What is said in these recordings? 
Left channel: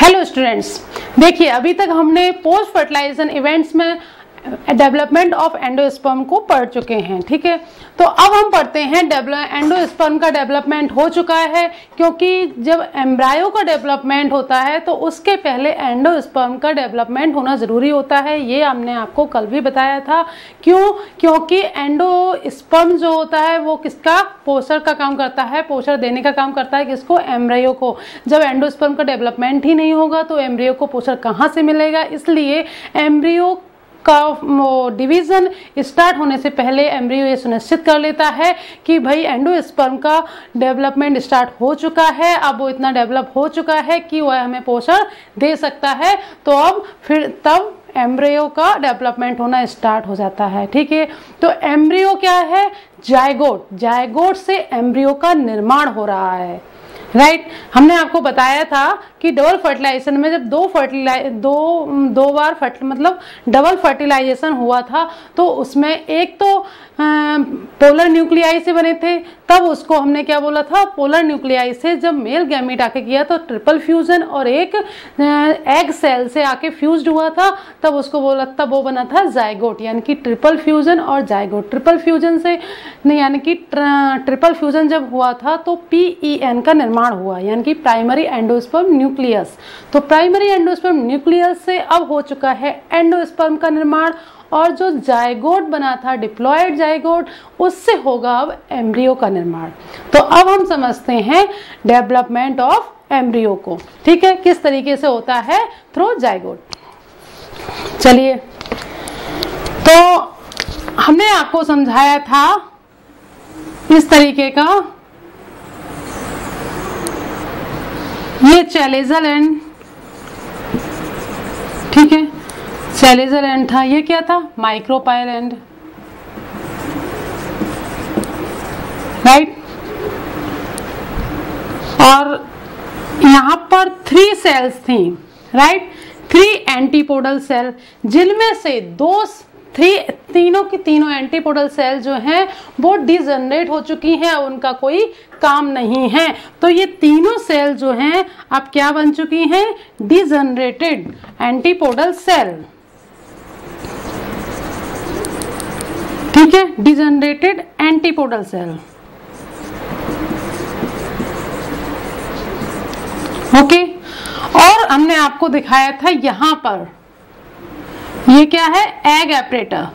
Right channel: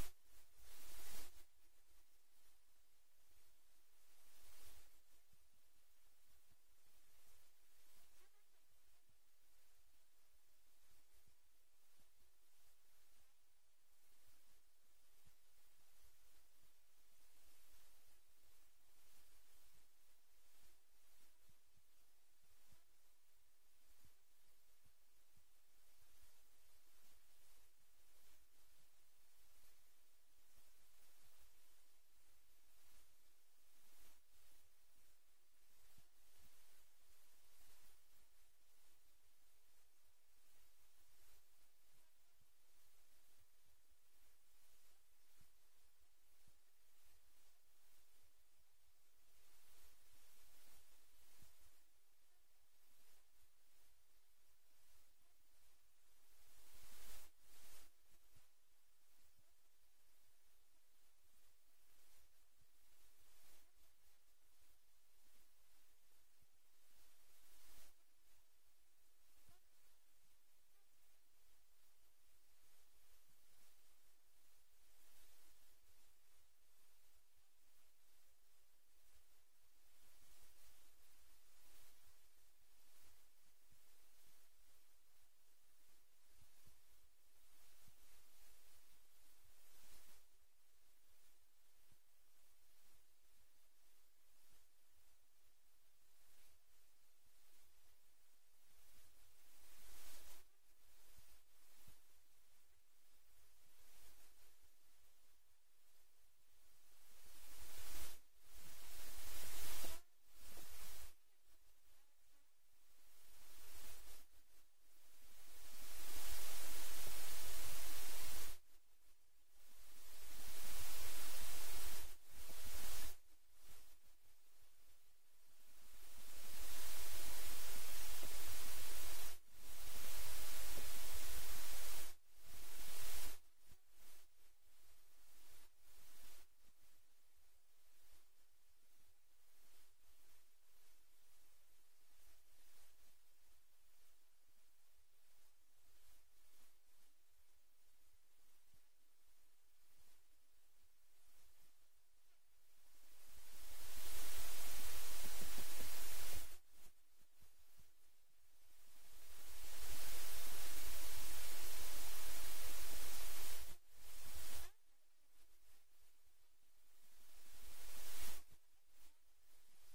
Hello students, देखिए अभी तक हमने पोस्ट फर्टिलाइजेशन इवेंट्स में डेवलपमेंट ऑफ एंडोस्पर्म को पढ़ चुके हैं। ठीक है, तो अब हम पढ़ते हैं एंडोस्पर्म का डेवलपमेंट हो चुका है, क्योंकि जब एम्ब्रायो का डेवलपमेंट होता है तो उसके पहले एंडोस्पर्म का डेवलपमेंट होना ज़रूरी होता है। ये हमने आपको कल भी बताया था। क्यों? क्योंकि एंडोस्पर्म जो होता है वो किसका पोषण का काम करता है, पोषण देने का काम करता है किसको? एम्ब्रायो को। जब एंडोस्पर्म का डेवलपमेंट ही नहीं होगा तो एम्ब्रियो को पोषण कहाँ से मिलेगा? इसलिए एम्ब्रियो का डिवीज़न स्टार्ट होने से पहले एम्ब्रियो ये सुनिश्चित कर लेता है कि भाई एंडोस्पर्म का डेवलपमेंट स्टार्ट हो चुका है, अब वो इतना डेवलप हो चुका है कि वह हमें पोषण दे सकता है। तो अब फिर तब एम्ब्रियो का डेवलपमेंट होना स्टार्ट हो जाता है। ठीक है, तो एम्ब्रियो क्या है? जायगोट। जायगोट से एम्ब्रियो का निर्माण हो रहा है। राइट, हमने आपको बताया था कि डबल फर्टिलाइजेशन में जब दो बार मतलब डबल फर्टिलाइजेशन हुआ था तो उसमें एक तो पोलर न्यूक्लियाई से बने थे, तब उसको हमने क्या बोला था? पोलर न्यूक्लियाई से जब मेल गैमीट आके किया तो ट्रिपल फ्यूजन, और एक एग सेल से आके फ्यूज्ड हुआ था तब उसको बोला, तब वो बना था जायगोट। यानी कि ट्रिपल फ्यूजन और जायगोट। ट्रिपल फ्यूजन से नहीं, यानी कि ट्रिपल फ्यूजन जब हुआ था तो PEN का निर्माण हुआ, यानी कि प्राइमरी एंडोस्पर्म न्यूक्लियस। तो प्राइमरी एंडोस्पर्म न्यूक्लियस से अब हो चुका है एंडोस्पर्म का निर्माण, और जो जायगोट बना था डिप्लॉयड जायगोट, उससे होगा अब एम्ब्रियो का निर्माण। तो अब हम समझते हैं डेवलपमेंट ऑफ एम्ब्रियो को। ठीक है, किस तरीके से होता है? Through zygote. चलिए, तो हमने आपको समझाया था इस तरीके का, ये चैलेजल एंड, ठीक है, चैलेजल एंड था। ये क्या था? Micropyle and. राइट, और यहां पर 3 सेल्स थी। राइट, 3 एंटीपोडल सेल, जिनमें से तीनों की तीनों एंटीपोडल सेल जो हैं वो डिजनरेट हो चुकी हैं, उनका कोई काम नहीं है। तो ये तीनों सेल जो हैं अब क्या बन चुकी हैं? Degenerated antipodal cell. ठीक है, डिजनरेटेड एंटीपोडल सेल। ओके, और हमने आपको दिखाया था यहां पर ये क्या है? एग एपरेटर।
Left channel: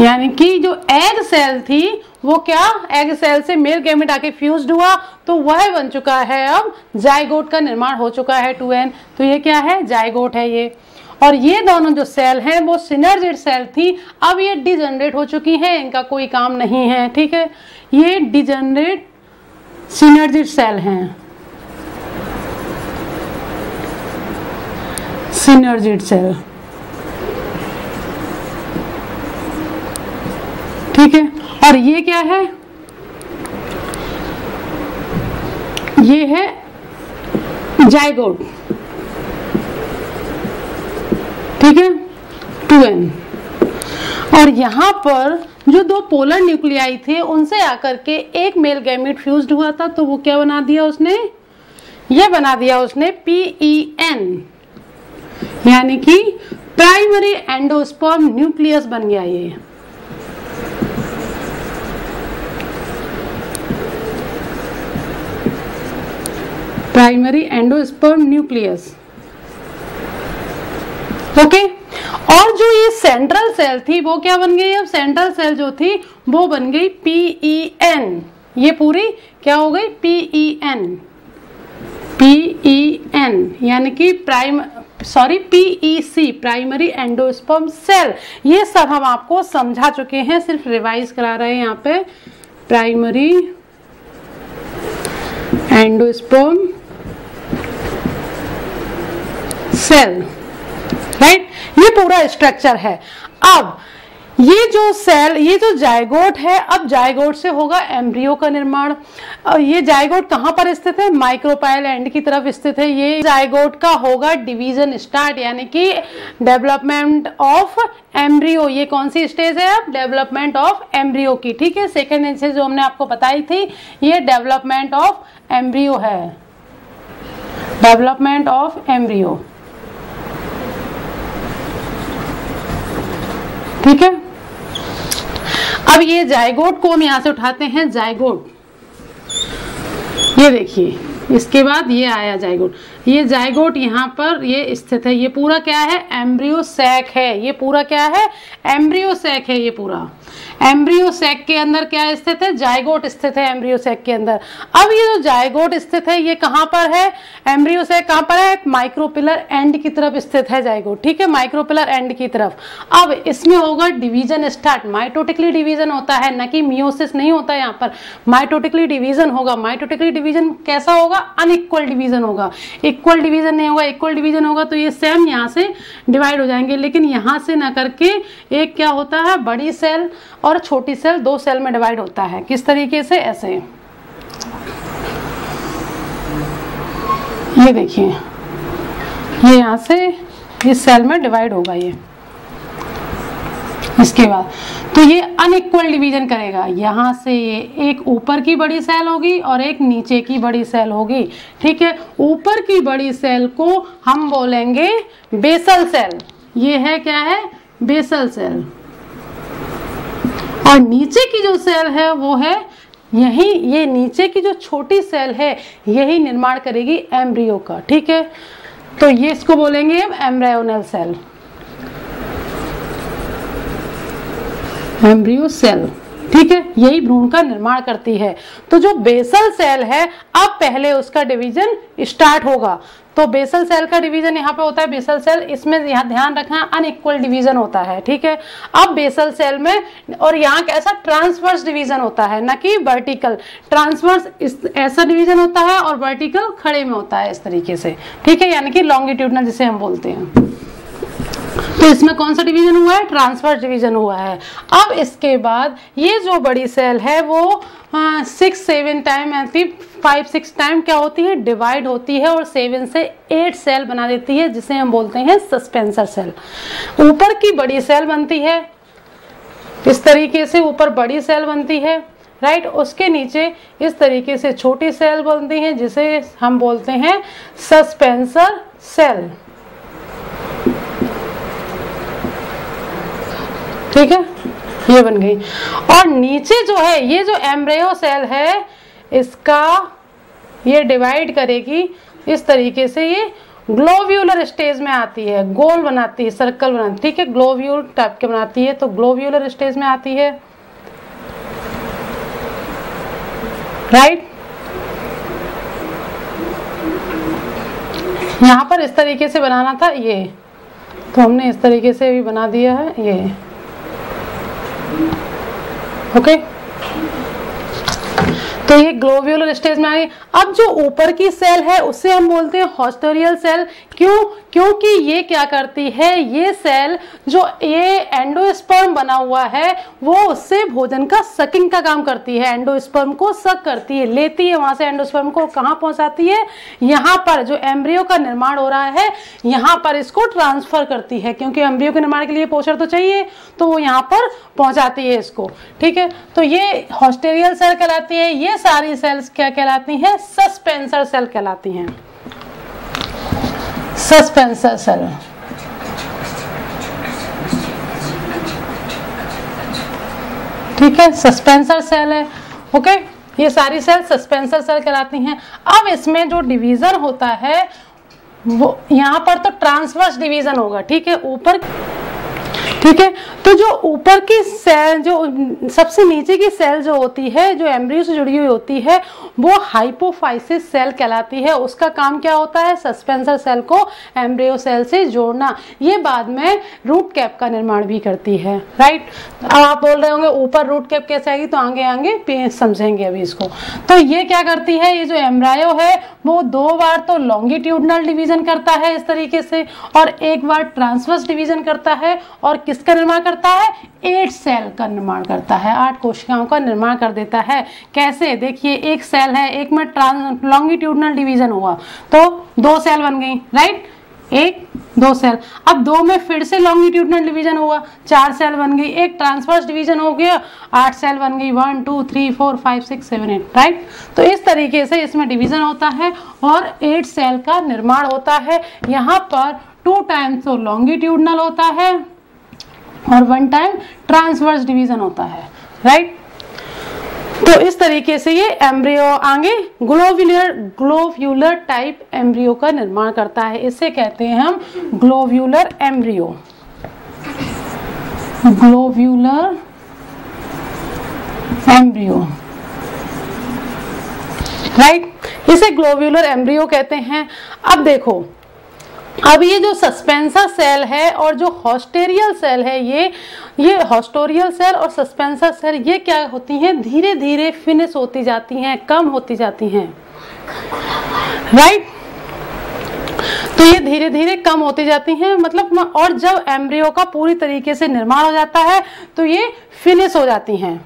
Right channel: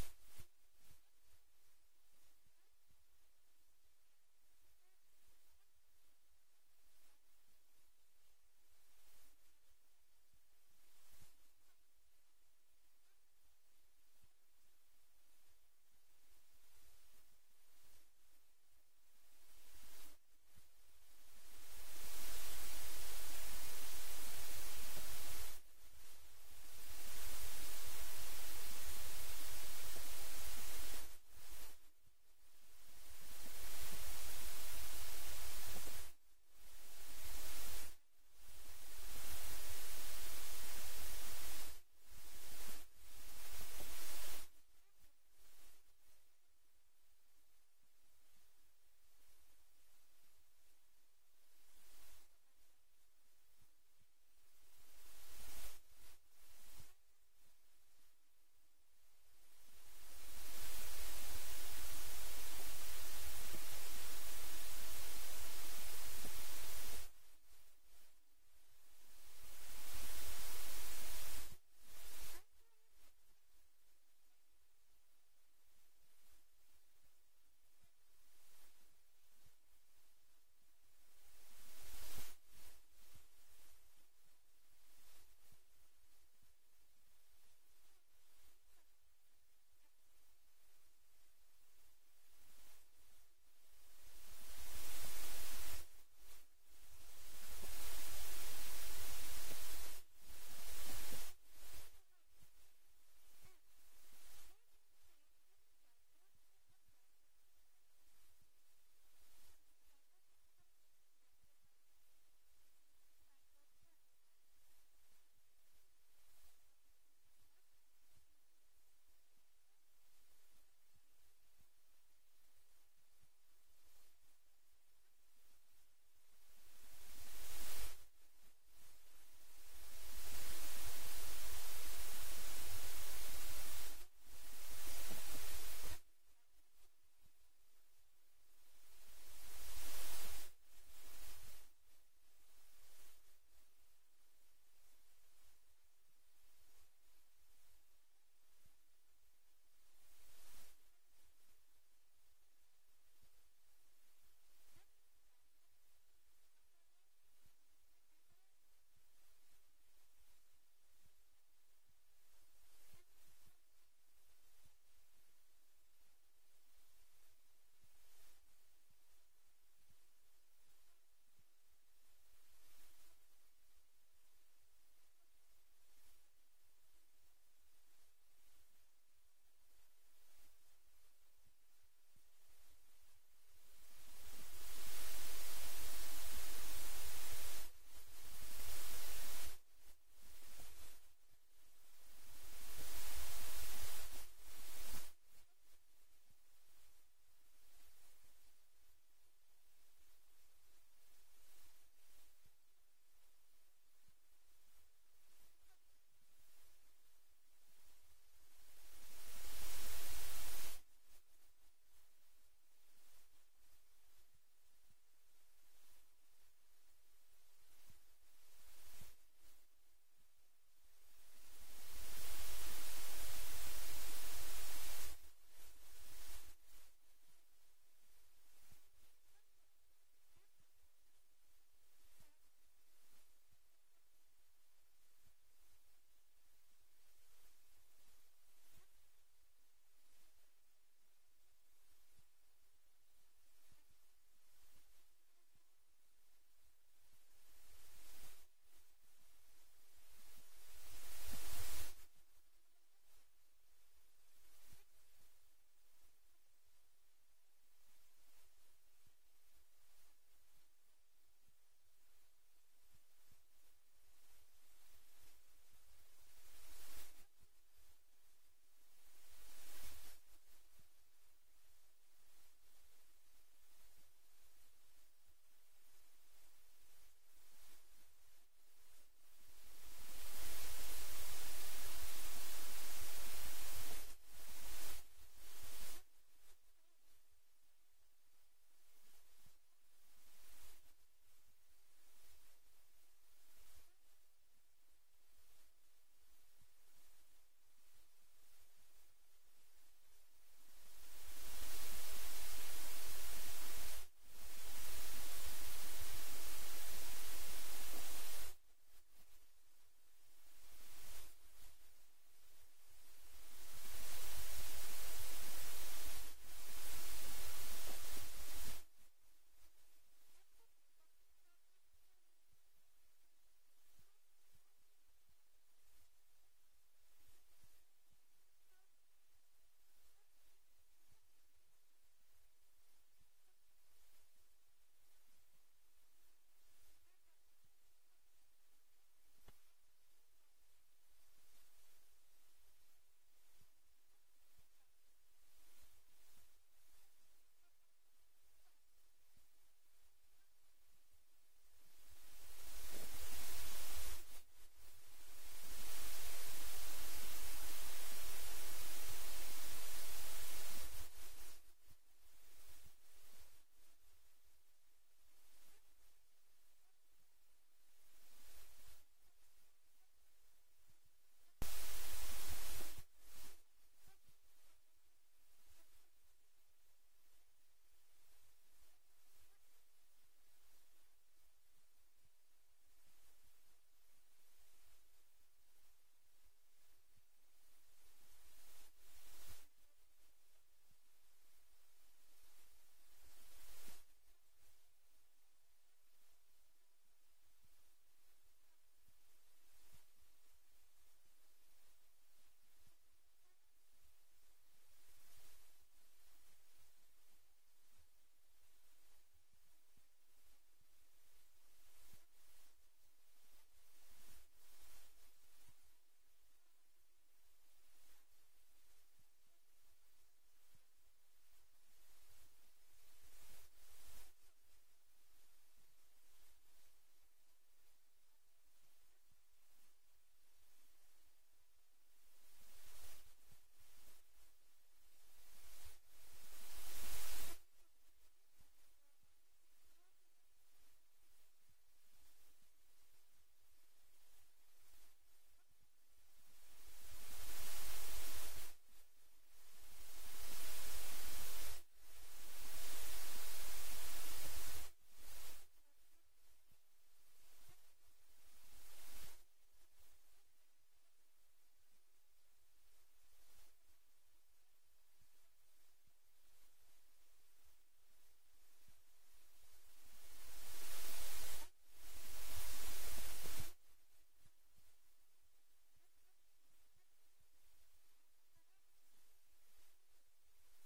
यानी कि जो एग सेल थी वो क्या? एग सेल से मेल गैमेट आके फ्यूज्ड हुआ तो वह बन चुका है, अब जायगोट का निर्माण हो चुका है 2N। तो ये क्या है? जायगोट है ये। और ये दोनों जो सेल हैं वो सिनर्जिड सेल थी, अब ये डिजनरेट हो चुकी हैं, इनका कोई काम नहीं है। ठीक है, ये डिजनरेट सिनर्जिड सेल हैं, सिनर्जिड सेल। ठीक है, और ये क्या है? ये है जायगोट। ठीक है, 2N। और यहां पर जो 2 पोलर न्यूक्लियाई थे उनसे आकर के एक मेल गैमीट फ्यूज्ड हुआ था, तो वो क्या बना दिया उसने? ये बना दिया उसने PEN, यानी कि प्राइमरी एंडोस्पर्म न्यूक्लियस बन गया ये। Primary endosperm nucleus. ओके, और जो ये सेंट्रल सेल थी वो क्या बन गई? अब सेंट्रल सेल जो थी वो बन गई PEN। ये पूरी क्या हो गई? PEN, यानी कि PEC, प्राइमरी एंडोस्पर्म सेल। ये सब हम आपको समझा चुके हैं, सिर्फ रिवाइज करा रहे हैं यहाँ पे। Primary endosperm cell. राइट, ये पूरा स्ट्रक्चर है। अब ये जो सेल, ये जो जायगोट है, अब जायगोट से होगा एम्ब्रियो का निर्माण। ये जायगोट कहाँ पर स्थित है? माइक्रोपाइल एंड की तरफ स्थित है। ये जायगोट का होगा डिवीजन स्टार्ट, यानी कि डेवलपमेंट ऑफ एम्ब्रियो। ये कौन सी स्टेज है? अब डेवलपमेंट ऑफ एम्ब्रियो की। ठीक है, सेकेंड स्टेज जो हमने आपको बताई थी ये डेवलपमेंट ऑफ एम्ब्रियो है। डेवलपमेंट ऑफ एम्ब्रियो, ठीक है। अब ये जाइगोट को हम यहां से उठाते हैं, जाइगोट, ये देखिए, इसके बाद ये आया जाइगोट, ये जाइगोट यहाँ पर ये स्थित है, ये पूरा क्या है, एम्ब्रियो सैक है, ये पूरा क्या है, एम्ब्रियो सैक है, ये पूरा एम्ब्रियो सैक के अंदर क्या स्थित है, जाइगोट स्थित है एम्ब्रियो सैक के अंदर। अब ये जो जाइगोट स्थित है ये कहाँ पर है, एम्ब्रियो सैक कहाँ पर है, माइक्रोपिलर एंड की तरफ स्थित है जाइगोट, ठीक है, माइक्रोपिलर एंड की तरफ। अब इसमें होगा डिवीजन स्टार्ट, माइटोटिकली डिवीजन होता है, न कि मियोसिस नहीं होता, यहाँ पर माइटोटिकली डिवीजन होगा। माइटोटिकली डिवीजन कैसा होगा, अनइक्वल डिवीजन होगा, इक्वल डिवीजन नहीं होगा। इक्वल डिवीजन होगा तो ये सेम यहाँ से डिवाइड हो जाएंगे, लेकिन यहाँ से ना करके एक क्या होता है, बड़ी सेल और छोटी सेल, दो सेल में डिवाइड होता है। किस तरीके से, ऐसे, ये देखिए, ये यहाँ से इस सेल में डिवाइड होगा ये। इसके बाद तो ये अनइक्वल डिवीजन करेगा, यहाँ से ये एक ऊपर की बड़ी सेल होगी और एक नीचे की बड़ी सेल होगी, ठीक है। ऊपर की बड़ी सेल को हम बोलेंगे बेसल सेल, ये है क्या है, बेसल सेल, और नीचे की जो सेल है वो है यही, ये नीचे की जो छोटी सेल है यही निर्माण करेगी एम्ब्रियो का, ठीक है। तो ये इसको बोलेंगे हम एम्ब्रायोनल सेल, एम्ब्रियो सेल, ठीक है, यही भ्रूण का निर्माण करती है। तो जो बेसल सेल है, अब पहले उसका डिवीजन स्टार्ट होगा। तो बेसल सेल का डिवीजन यहाँ पे होता है, बेसल सेल, इसमें यहाँ ध्यान रखना अनइक्वल डिवीजन होता है, ठीक है। अब बेसल सेल में, और यहाँ कैसा ट्रांसवर्स डिवीजन होता है, ना कि वर्टिकल, ट्रांसवर्स ऐसा डिवीजन होता है और वर्टिकल खड़े में होता है, इस तरीके से, ठीक है, यानी कि लॉन्गिट्यूडनल जिसे हम बोलते हैं। तो इसमें कौन सा डिवीजन हुआ है, ट्रांसवर्स डिवीजन हुआ है। अब इसके बाद ये जो बड़ी सेल है वो 6-7 टाइम, 5-6 टाइम क्या होती है, डिवाइड होती है और 7 से 8 सेल बना देती है, जिसे हम बोलते हैं सस्पेंसर सेल। ऊपर की बड़ी सेल बनती है इस तरीके से, ऊपर बड़ी सेल बनती है, राइट, उसके नीचे इस तरीके से छोटी सेल बनती है, जिसे हम बोलते हैं सस्पेंसर सेल, ठीक है, ये बन गई। और नीचे जो है ये जो एम्ब्रियो सेल है, इसका ये डिवाइड करेगी इस तरीके से, ये ग्लोब्यूलर स्टेज में आती है, गोल बनाती है, सर्कल बनाती है, ठीक है, ग्लोब्यूल टाइप के बनाती है, तो ग्लोब्यूलर स्टेज में आती है, राइट। यहाँ पर इस तरीके से बनाना था ये, तो हमने इस तरीके से भी बना दिया है ये, ओके। तो ये ग्लोब्यूलर स्टेज में आ गई। अब जो ऊपर की सेल है उसे हम बोलते हैं हॉस्टेरियल सेल, क्यों, क्योंकि ये क्या करती है, ये सेल जो ये एंडोस्पर्म बना हुआ है वो उससे भोजन का सकिंग का काम करती है, एंडोस्पर्म को सक करती है, लेती है वहां से एंडोस्पर्म को, कहाँ पहुंचाती है, यहाँ पर जो एम्ब्रियो का निर्माण हो रहा है यहाँ पर इसको ट्रांसफर करती है, क्योंकि एम्ब्रियो के निर्माण के लिए पोषण तो चाहिए, तो वो यहाँ पर पहुंचाती है इसको, ठीक है। तो ये हॉस्टेरियल सेल कहलाती है। ये सारी सेल्स क्या कहलाती हैं, सस्पेंसर सेल कहलाती हैं, सस्पेंसर सेल, ठीक है, सस्पेंसर सेल है, ओके। ये सारी सेल सस्पेंसर सेल कहलाती हैं। अब इसमें जो डिवीजन होता है वो यहाँ पर तो ट्रांसवर्स डिवीजन होगा, ठीक है, ऊपर, ठीक है। तो जो ऊपर की सेल, जो सबसे नीचे की सेल जो होती है, जो एम्ब्रियो से जुड़ी हुई होती है, वो हाइपोफाइसिस सेल कहलाती है। उसका काम क्या होता है, सस्पेंसर सेल को एम्ब्रियो सेल से जोड़ना। ये बाद में रूट कैप का निर्माण भी करती है, राइट। अब आप बोल रहे होंगे ऊपर रूट कैप कैसे आएगी, तो आगे आगे समझेंगे अभी इसको। तो ये क्या करती है, ये जो एम्ब्रायो है वो 2 बार तो लॉन्गिट्यूडनल डिवीजन करता है इस तरीके से, और 1 बार ट्रांसवर्स डिवीजन करता है, और किसका निर्माण करता है, 8 सेल का निर्माण करता है, 8 कोशिकाओं का निर्माण कर देता है। कैसे, देखिए, एक सेल है, एक में लॉन्गिट्यूडनल डिवीजन हुआ तो 2 सेल बन गई, राइट। एक, 2 सेल। अब 2 में फिर से लॉन्गिट्यूडनल डिवीजन हुआ, 4 सेल बन गई। एक ट्रांसवर्स डिवीजन हो गया, 8 सेल बन गई, 1 2 3 4 5 6 7 8, राइट। तो इस तरीके से इसमें डिवीजन होता है और 8 सेल का निर्माण होता है। यहाँ पर 2 टाइम्स तो लॉन्गिट्यूडनल होता है और 1 टाइम ट्रांसवर्स डिवीजन होता है, राइट। तो इस तरीके से ये एम्ब्रियो आगे ग्लोव्यूलर टाइप एम्ब्रियो का निर्माण करता है। इसे कहते हैं हम ग्लोव्यूलर एम्ब्रियो, ग्लोव्यूलर एम्ब्रियो, राइट। इसे ग्लोव्यूलर एम्ब्रियो कहते हैं। अब देखो, अब ये जो सस्पेंसर सेल है और जो हॉस्टेरियल सेल है, ये हॉस्टोरियल सेल और सस्पेंसर सेल ये क्या होती हैं, धीरे धीरे फिनिश होती जाती हैं, कम होती जाती हैं, राइट। तो ये धीरे धीरे कम होती जाती हैं, मतलब, और जब एम्ब्रियो का पूरी तरीके से निर्माण हो जाता है तो ये फिनिश हो जाती हैं।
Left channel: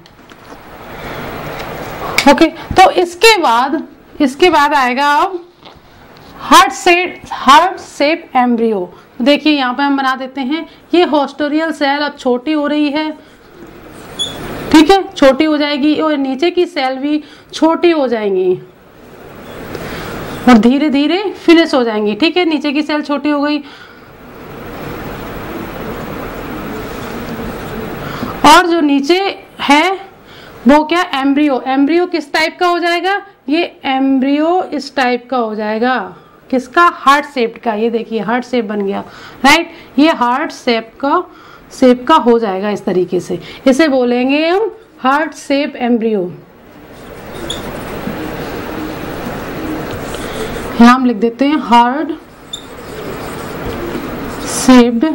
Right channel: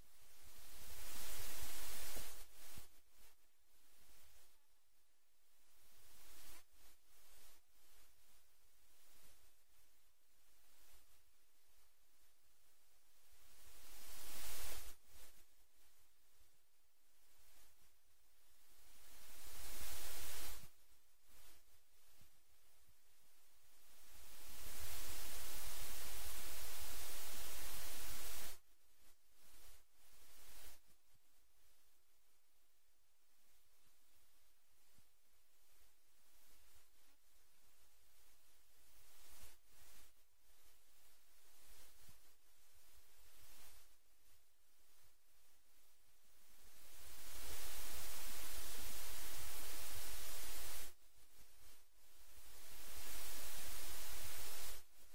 ओके, तो इसके बाद आएगा अब हार्ट शेप एम्ब्रियो। देखिए यहाँ पे हम बना देते हैं, ये हॉस्टोरियल सेल अब छोटी हो रही है, ठीक है, छोटी हो जाएगी और नीचे की सेल भी छोटी हो जाएंगी और धीरे धीरे फिनिश हो जाएंगी, ठीक है। नीचे की सेल छोटी हो गई और जो नीचे है वो क्या, एम्ब्रियो। एम्ब्रियो किस टाइप का हो जाएगा, ये एम्ब्रियो इस टाइप का हो जाएगा, किसका, हार्ट शेप का। ये देखिए हार्ट शेप बन गया, राइट। ये हार्ट शेप का हो जाएगा इस तरीके से, इसे बोलेंगे हम हार्ट शेप एम्ब्रियो। यहां हम लिख देते हैं हार्ट शेप्ड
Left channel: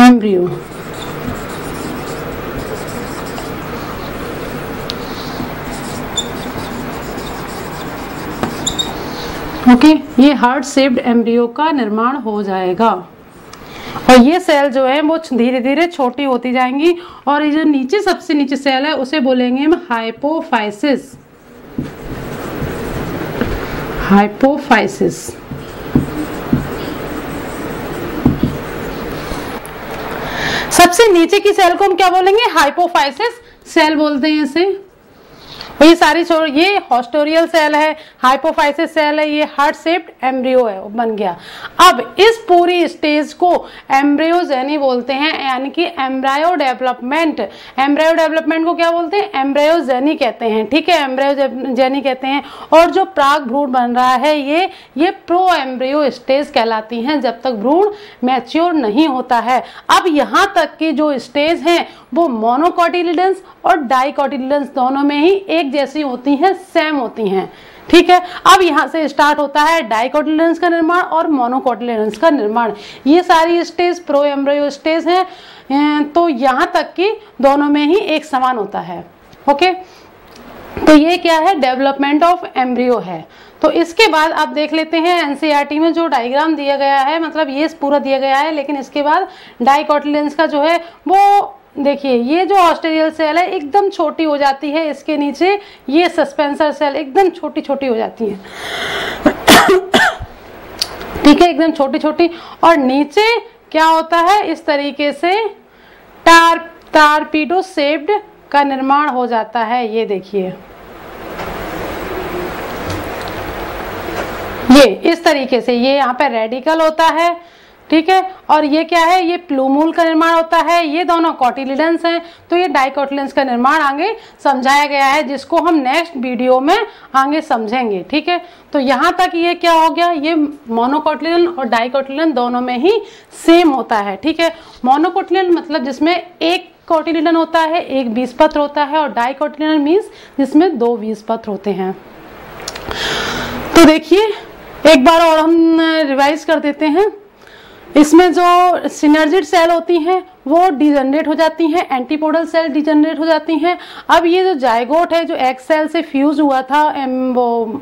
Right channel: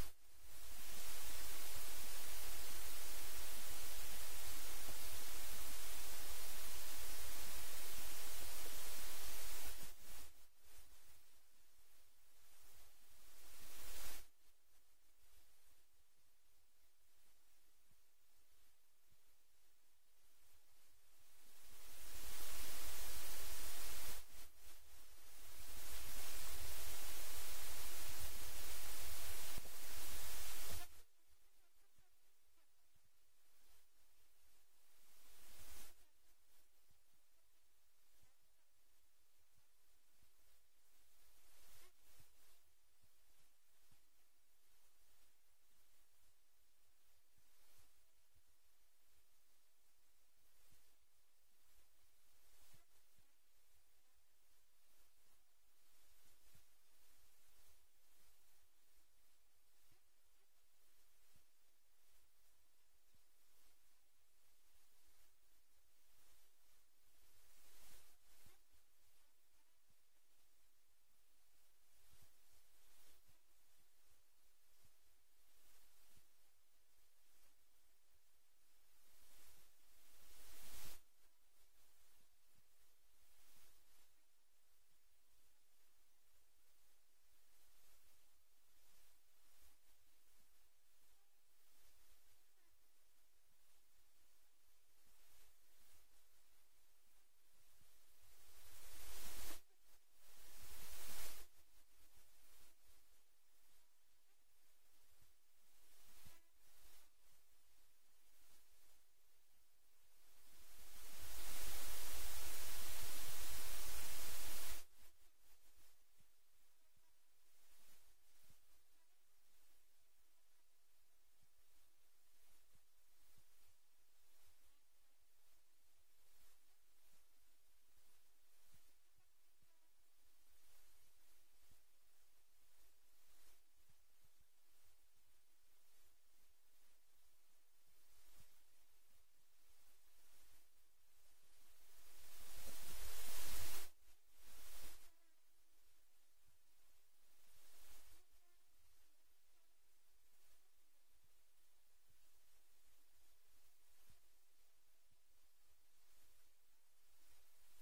एम्ब्रियो। ओके, ये हार्ट शेप्ड एम्ब्रियो का निर्माण हो जाएगा और ये सेल जो है वो धीरे धीरे छोटी होती जाएंगी और ये जो नीचे सबसे नीचे सेल है उसे बोलेंगे हम हाइपोफाइसिस, हाइपोफाइसिस। सबसे नीचे की सेल को हम क्या बोलेंगे, हाइपोफाइसिस सेल बोलते हैं इसे। और ये सारी ये हॉस्टोरियल सेल है, हाइपोफाइसिस सेल है, ये हार्ट शेप्ड एम्ब्रियो है, बन गया। अब इस पूरी स्टेज को एम्ब्रियोजेनी बोलते हैं, यानी कि एम्ब्रायो डेवलपमेंट। एम्ब्रायो डेवलपमेंट को क्या बोलते हैं, एम्ब्रियोजेनी कहते हैं, ठीक है, एम्ब्रियोजेनी कहते हैं। और जो प्राग भ्रूण बन रहा है ये प्रो एम्ब्रियो स्टेज कहलाती हैं, जब तक भ्रूण मैच्योर नहीं होता है। अब यहाँ तक की जो स्टेज हैं वो मोनोकोटिलिडन्स और डाइकोटिलिडन्स दोनों में ही एक जैसी होती हैं, सेम होती हैं, ठीक है। अब यहाँ से स्टार्ट होता है डाइकोटिलिडन्स का निर्माण और मोनोकोटिलिडन्स का निर्माण। ये सारी स्टेज प्रो एम्ब्रियो स्टेज हैं, तो यहाँ तक कि दोनों में ही एक समान होता है। ओके, तो ये क्या है, डेवलपमेंट ऑफ एम्ब्रियो है। तो इसके बाद आप देख लेते हैं एनसीईआरटी में जो डायग्राम दिया गया है, मतलब ये पूरा दिया गया है, लेकिन इसके बाद डाइकोटिलिडन्स का जो है वो देखिए, ये जो हॉस्टेरियल सेल है एकदम छोटी हो जाती है, इसके नीचे ये सस्पेंसर सेल एकदम छोटी छोटी हो जाती है, ठीक है, एकदम छोटी छोटी। और नीचे क्या होता है, इस तरीके से टारपीडो शेप्ड का निर्माण हो जाता है। ये देखिए, ये इस तरीके से ये यहाँ पे रेडिकल होता है, ठीक है। और ये क्या है, ये प्लूमूल का निर्माण होता है, ये दोनों कोटिलिडन्स हैं। तो ये डाइकोटिलिडन्स का निर्माण आगे समझाया गया है, जिसको हम नेक्स्ट वीडियो में आगे समझेंगे, ठीक है। तो यहाँ तक ये क्या हो गया, ये मोनोकोटिलिडन और डाइकोटिलिडन दोनों में ही सेम होता है, ठीक है। मोनोकोटिलिडन मतलब जिसमें एक कोटिलिडन होता है, एक बीजपत्र होता है, और डाइकोटिलिडन मीन्स जिसमें 2 बीजपत्र होते हैं। तो देखिए एक बार और हम रिवाइज कर देते हैं। इसमें जो सिनर्जिड सेल होती हैं वो डिजनरेट हो जाती हैं, एंटीपोडल सेल डिजनरेट हो जाती हैं। अब ये जो जायगोट है, जो एग सेल से फ्यूज हुआ था वो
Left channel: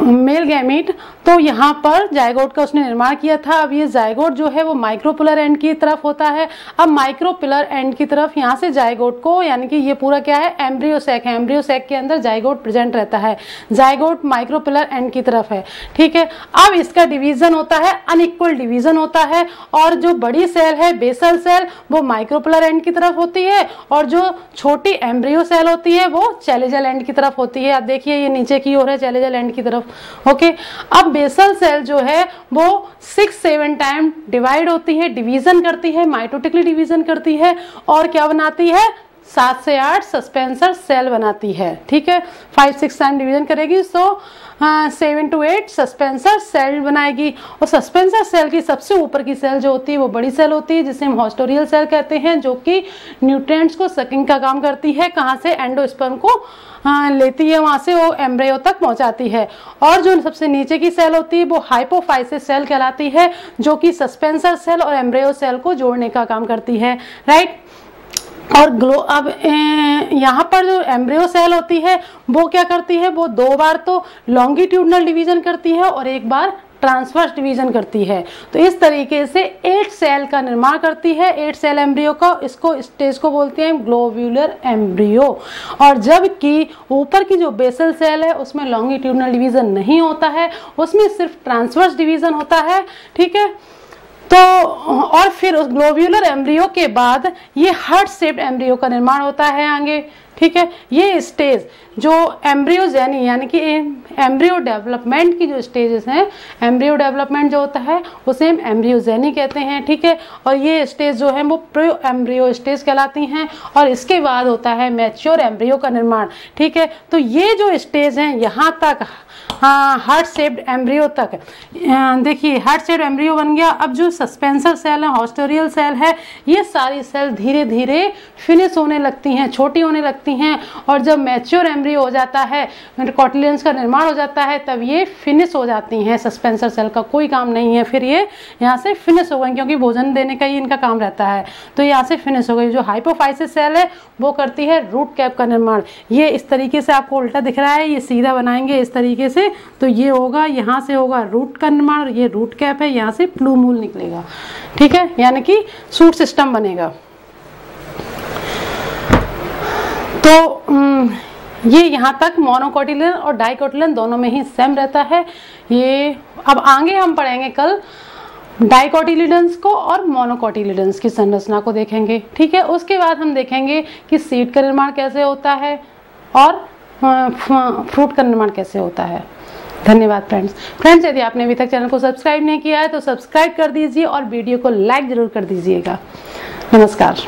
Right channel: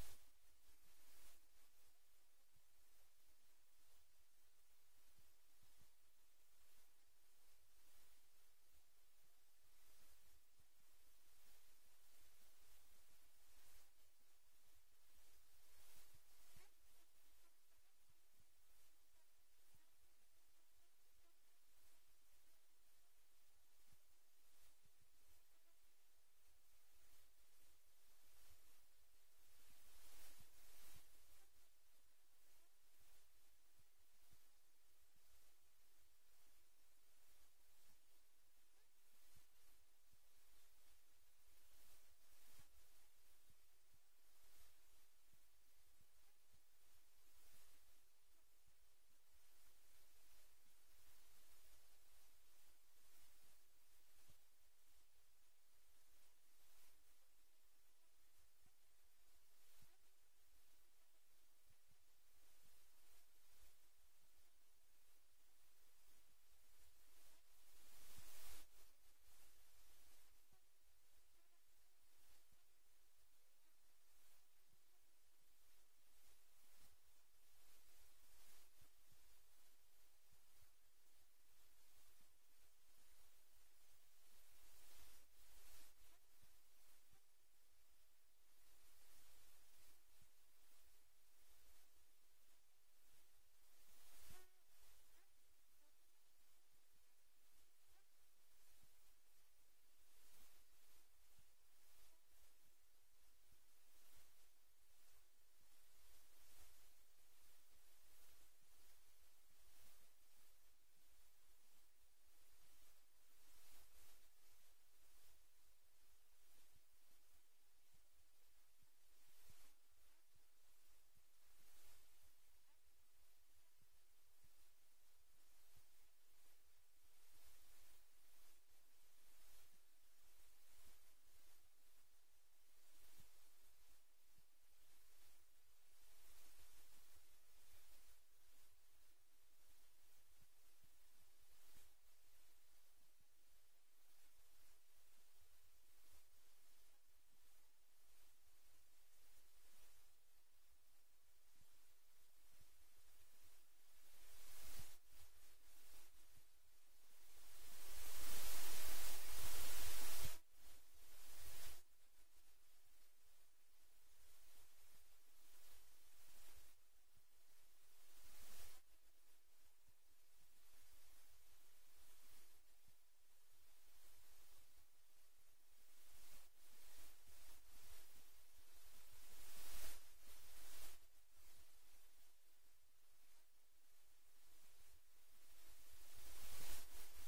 मेल गैमीट, तो यहाँ पर जायगोट का उसने निर्माण किया था। अब ये जायगोट जो है वो माइक्रोपिलर एंड की तरफ होता है। अब माइक्रोपिलर एंड की तरफ यहाँ से जायगोट को, यानी कि ये पूरा क्या है, एम्ब्रियो सैक है, एम्ब्रियो सैक के अंदर जायगोट प्रेजेंट रहता है, जायगोट माइक्रोपिलर एंड की तरफ है, ठीक है। अब इसका डिवीजन होता है, अनइक्वल डिवीजन होता है, और जो बड़ी सेल है बेसल सेल वो माइक्रोपिलर एंड की तरफ होती है, और जो छोटी एम्ब्रियो सेल होती है वो चैलेजल एंड की तरफ होती है। आप देखिए ये नीचे की ओर है, चैलेजल एंड की तरफ, ओके। अब बेसल सेल जो है वो 6-7 टाइम डिवाइड होती है, डिवीजन करती है, माइटोटिकली डिवीजन करती है, और क्या बनाती है, 7 से 8 सस्पेंसर सेल बनाती है, ठीक है। 5-6 टाइम डिवीजन करेगी, सो 7 to 8 सस्पेंसर सेल बनाएगी। और सस्पेंसर सेल की सबसे ऊपर की सेल जो होती है वो बड़ी सेल होती है, जिसे हम हॉस्टोरियल सेल कहते हैं, जो कि न्यूट्रिएंट्स को सकिंग का काम करती है। कहाँ से, एंडोस्पर्म को लेती है, वहां से वो एम्ब्रियो तक पहुंचाती है। और जो सबसे नीचे की सेल होती है वो हाइपोफाइसिस सेल कहलाती है, जो कि सस्पेंसर सेल और एम्ब्रियो सेल को जोड़ने का काम करती है, राइट। और अब यहाँ पर जो एम्ब्रियो सेल होती है वो क्या करती है, वो 2 बार तो लॉन्गिट्यूडनल डिवीजन करती है और 1 बार ट्रांसवर्स डिवीजन करती है। तो इस तरीके से 8 सेल का निर्माण करती है, 8 सेल एम्ब्रियो का। इसको स्टेज को बोलते हैं ग्लोब्यूलर एम्ब्रियो। और जबकि ऊपर की जो बेसल सेल है उसमें लॉन्गिट्यूडनल डिवीजन नहीं होता है, उसमें सिर्फ ट्रांसवर्स डिवीजन होता है, ठीक है। तो और फिर उस ग्लोब्यूलर एम्ब्रियो के बाद ये हार्ट शेप्ड एम्ब्रियो का निर्माण होता है आगे, ठीक है। ये स्टेज जो एम्ब्रियोजेनी यानी कि एम्ब्रियो डेवलपमेंट की जो स्टेजेस हैं, एम्ब्रियो डेवलपमेंट जो होता है उसे हम एम्ब्रियोजेनी कहते हैं, ठीक है। और ये स्टेज जो है वो प्रो एम्ब्रियो स्टेज कहलाती हैं, और इसके बाद होता है मैच्योर एम्ब्रियो का निर्माण, ठीक है। तो ये जो स्टेज हैं यहाँ तक, हार्ट शेप्ड एम्ब्रियो तक, देखिए हार्ट शेप्ड एम्ब्रियो बन गया। अब जो सस्पेंसर सेल है, हॉस्टोरियल सेल है, ये सारी सेल धीरे धीरे फिनिश होने लगती हैं, छोटी होने लगती हैं, और जब मैच्योर एम्ब्रियो हो जाता है, कोटिलियंस का निर्माण हो जाता है, तब ये फिनिश हो जाती हैं। सस्पेंसर सेल का कोई काम नहीं है, फिर ये यहाँ से फिनिश हो गई, क्योंकि भोजन देने का ही इनका काम रहता है, तो यहाँ से फिनिश हो गई। जो हाइपोफाइसिस सेल है वो करती है रूट कैप का निर्माण। ये इस तरीके से आपको उल्टा दिख रहा है, ये सीधा बनाएंगे इस तरीके से, तो ये होगा, यहाँ से होगा रूट का निर्माण, ये रूट कैप है, यहाँ से प्लूमूल निकलेगा, ठीक है, यानी कि सूट सिस्टम बनेगा। तो ये यहाँ तक मोनोकोटिलियन और डाइकोटिलियन दोनों में ही सेम रहता है। ये अब आगे हम पढ़ेंगे कल डाइकोटिलिडन्स को और मोनोकोटिलिडन्स की संरचना को देखेंगे, ठीक है। उसके बाद हम देखेंगे कि सीड का निर्माण कैसे होता है और फ्रूट का निर्माण कैसे होता है। धन्यवाद फ्रेंड्स, यदि आपने अभी तक चैनल को सब्सक्राइब नहीं किया है तो सब्सक्राइब कर दीजिए और वीडियो को लाइक जरूर कर दीजिएगा। नमस्कार।